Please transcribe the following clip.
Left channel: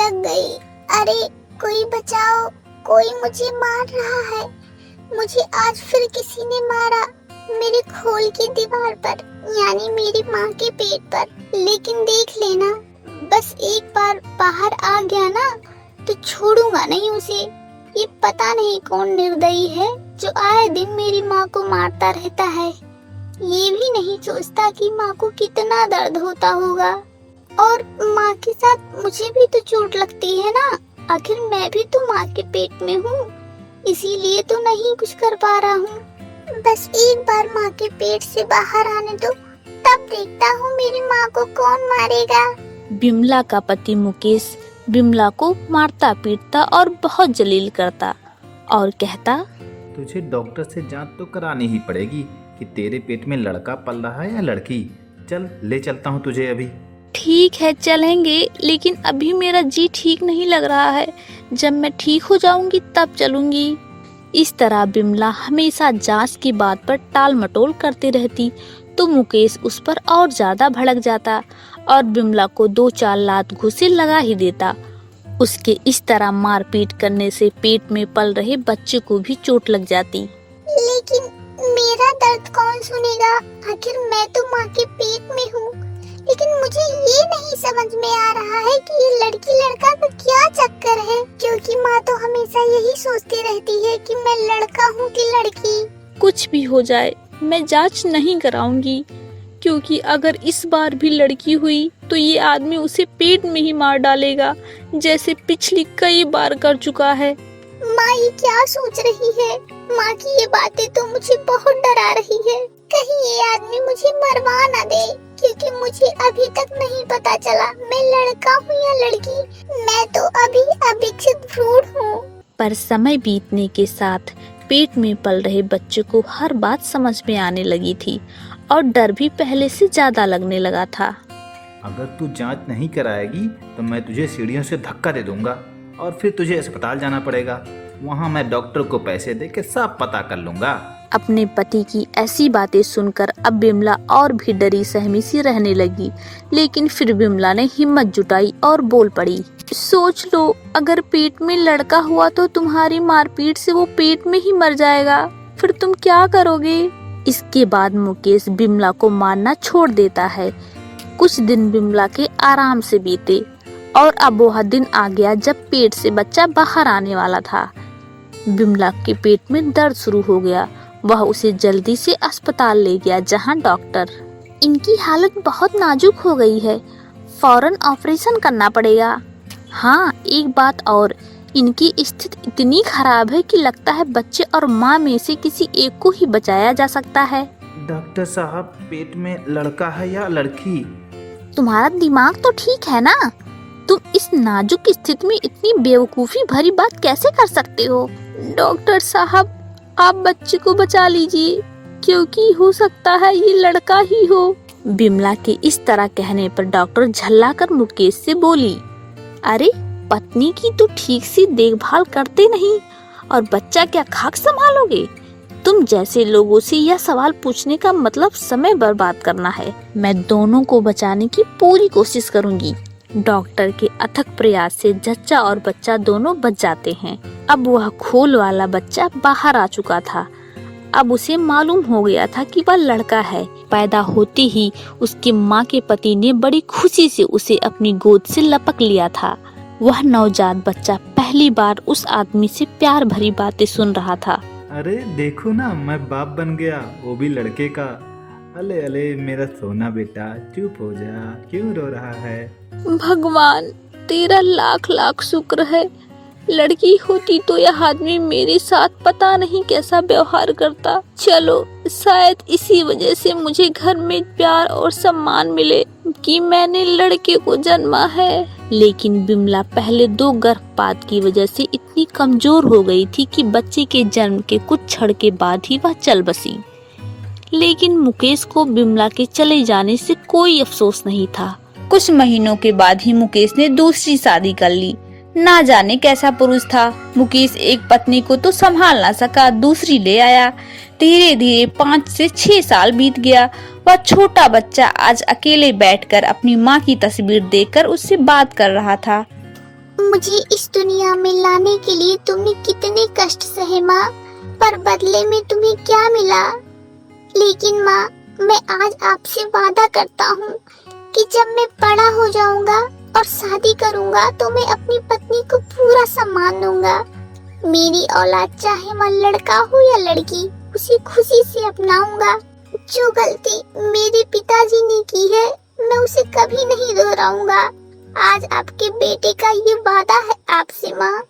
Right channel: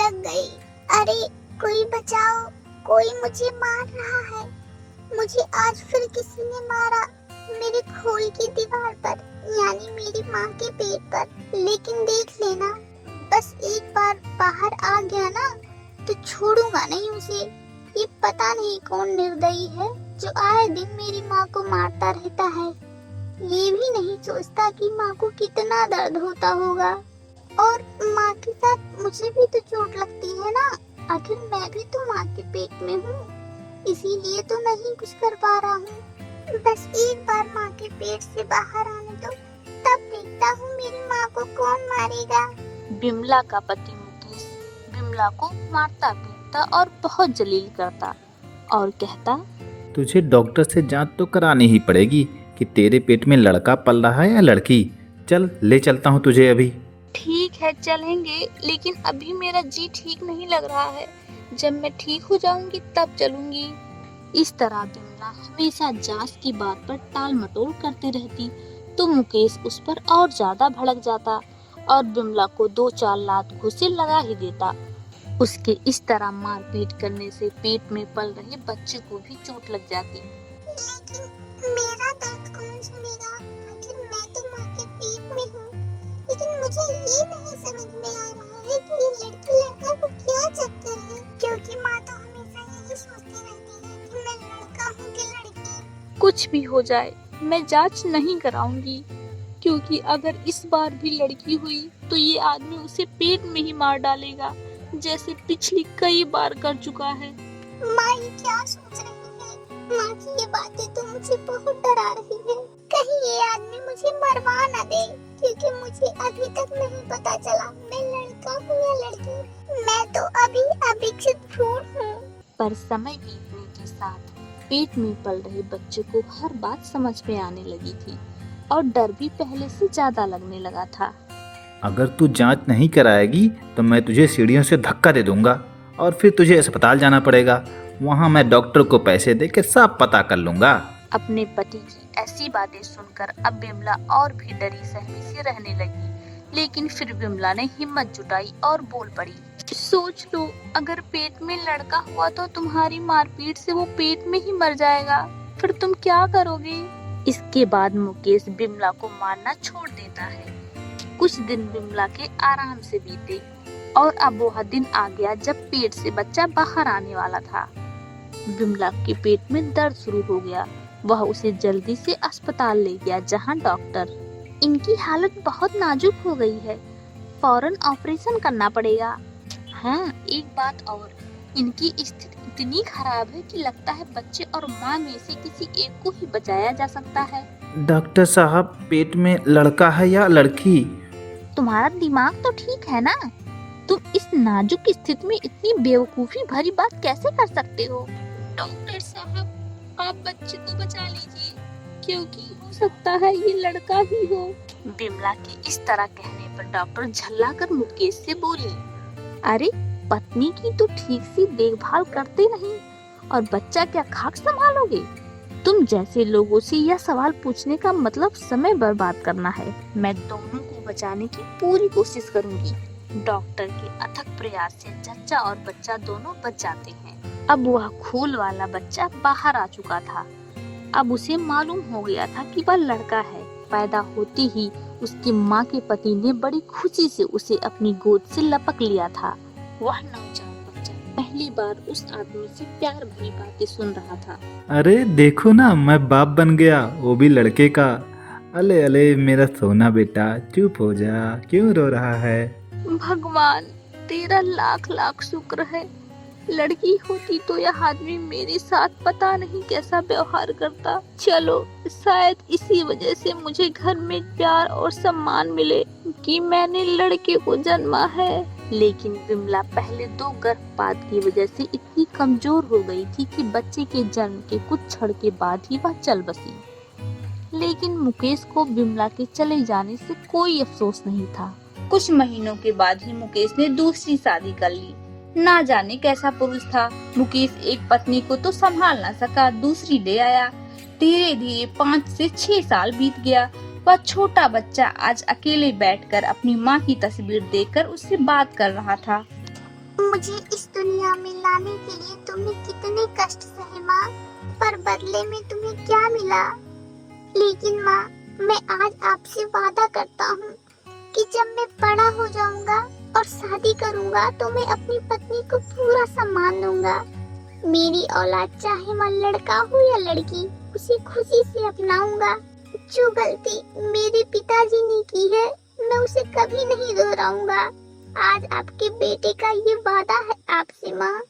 लग गई। अरे कोई बचाओ, कोई मुझे मार रहा है। मुझे आज फिर किसी ने मारा, मेरे खोल की दीवार पर, यानी मेरी माँ के पेट पर। लेकिन देख लेना, बस एक बार बाहर आ गया ना तो छोड़ूंगा नहीं उसे। ये पता नहीं कौन निर्दयी है जो आए दिन मेरी माँ को मारता रहता है। ये भी नहीं सोचता कि माँ को कितना दर्द होता होगा। और माँ के साथ मुझे भी तो चोट लगती है ना, आखिर मैं भी तो माँ के पेट में हूँ, इसीलिए तो नहीं कुछ कर पा रहा हूँ। बस एक बार माँ के पेट से बाहर आने दो, तब देखता हूँ मेरी माँ को कौन मारेगा। बिमला का पति मुकेश बिमला को मारता पीटता और बहुत जलील करता और कहता, तुझे डॉक्टर से जांच तो करानी ही पड़ेगी कि तेरे पेट में लड़का पल रहा है या लड़की। चल ले चलता हूँ तुझे अभी। ठीक है चलेंगे, लेकिन अभी मेरा जी ठीक नहीं लग रहा है। जब मैं ठीक हो जाऊंगी तब चलूंगी। इस तरह बिमला हमेशा जांच की बात पर टाल मटोल करती रहती तो मुकेश उस पर और ज्यादा भड़क जाता और बिमला को 2-4 लात घूंसे लगा ही देता। उसके इस तरह मारपीट करने से पेट में पल रहे बच्चे को भी चोट लग जाती। लेकिन मेरा दर्द कौन सुनेगा, आखिर मैं तो माँ के पेट में हूँ। लेकिन मुझे ये नहीं समझ में आ रहा है कि ये लड़की लड़का का क्या चक्कर है, क्योंकि माँ तो हमेशा यही सोचती रहती है कि मैं लड़का हूँ कि लड़की। कुछ भी हो जाए मैं जांच नहीं कराऊंगी, क्योंकि अगर इस बार भी लड़की हुई तो ये आदमी उसे पेट में ही मार डालेगा, जैसे पिछली कई बार कर चुका है। माँ ये क्या सोच रही है? माँ की ये बातें तो मुझे बहुत डरा रही है। कहीं ये आदमी मुझे मरवा ना दे, क्योंकि मुझे अभी तक नहीं पता चला मैं लड़का हूँ या लड़की। मैं तो अभी अविकसित भ्रूण हूँ। पर समय बीतने के साथ पेट में पल रहे बच्चे को हर बात समझ में आने लगी थी और डर भी पहले से ज्यादा लगने लगा था। अगर तू जांच नहीं कराएगी तो मैं तुझे सीढ़ियों से धक्का दे दूंगा और फिर तुझे अस्पताल जाना पड़ेगा। वहाँ मैं डॉक्टर को पैसे दे के सब पता कर लूंगा। अपने पति की ऐसी बातें सुनकर अब बिमला और भी डरी सहमी सी रहने लगी, लेकिन फिर बिमला ने हिम्मत जुटाई और बोल पड़ी, सोच लो, अगर पेट में लड़का हुआ तो तुम्हारी मारपीट से वो पेट में ही मर जाएगा, फिर तुम क्या करोगे? इसके बाद मुकेश बिमला को मारना छोड़ देता है। कुछ दिन बिमला के आराम से बीते और अब वह दिन आ गया जब पेट से बच्चा बाहर आने वाला था। बिमला के पेट में दर्द शुरू हो गया। वह उसे जल्दी से अस्पताल ले गया, जहां डॉक्टर, इनकी हालत बहुत नाजुक हो गई है, फौरन ऑपरेशन करना पड़ेगा। हाँ, एक बात और, इनकी स्थिति इतनी खराब है कि लगता है बच्चे और माँ में से किसी एक को ही बचाया जा सकता है। डॉक्टर साहब, पेट में लड़का है या लड़की? तुम्हारा दिमाग तो ठीक है ना? तुम इस नाजुक स्थिति में इतनी बेवकूफी भरी बात कैसे कर सकते हो? डॉक्टर साहब, आप बच्चे को बचा लीजिए, क्योंकि हो सकता है ये लड़का ही हो। बिमला के इस तरह कहने पर डॉक्टर झल्लाकर मुकेश से बोली, अरे पत्नी की तो ठीक से देखभाल करते नहीं और बच्चा क्या खाक संभालोगे? तुम जैसे लोगों से यह सवाल पूछने का मतलब समय बर्बाद करना है। मैं दोनों को बचाने की पूरी कोशिश करूंगी। डॉक्टर के अथक प्रयास से जच्चा और बच्चा दोनों बच जाते हैं। अब वह खोल वाला बच्चा बाहर आ चुका था। अब उसे मालूम हो गया था कि वह लड़का है। पैदा होते ही उसकी माँ के पति ने बड़ी खुशी से उसे अपनी गोद से लपक लिया था। वह नवजात बच्चा पहली बार उस आदमी से प्यार भरी बातें सुन रहा था। अरे देखो ना, मैं बाप बन गया, वो भी लड़के का। अले अले मेरा सोना बेटा, चुप हो जा, क्यों रो रहा है? भगवान, तेरा लाख लाख शुक्र है। लड़की होती तो यह आदमी मेरे साथ पता नहीं कैसा व्यवहार करता। चलो, शायद इसी वजह से मुझे घर में प्यार और सम्मान मिले कि मैंने लड़के को जन्मा है। लेकिन बिमला पहले 2 गर्भपात की वजह से इतनी कमजोर हो गई थी कि बच्चे के जन्म के कुछ क्षण के बाद ही वह चल बसी। लेकिन मुकेश को बिमला के चले जाने से कोई अफसोस नहीं था। कुछ महीनों के बाद ही मुकेश ने दूसरी शादी कर ली। ना जाने कैसा पुरुष था। मुकेश एक पत्नी को तो संभाल ना सका, दूसरी ले आया। धीरे धीरे 5 से 6 साल बीत गया। वह छोटा बच्चा आज अकेले बैठकर अपनी माँ की तस्वीर देखकर उससे बात कर रहा था। मुझे इस दुनिया में लाने के लिए तुमने कितने कष्ट सहे माँ, पर बदले में तुम्हें क्या मिला? लेकिन माँ, मैं आज आपसे वादा करता हूँ कि जब मैं बड़ा हो जाऊंगा और शादी करूंगा तो मैं अपनी पत्नी को पूरा सम्मान दूंगा। मेरी औलाद चाहे वह लड़का हो या लड़की, उसे खुशी से अपनाऊंगा। जो गलती मेरे पिताजी ने की है, मैं उसे कभी नहीं दोहराऊंगा। आज आपके बेटे का ये वादा है आपसे माँ।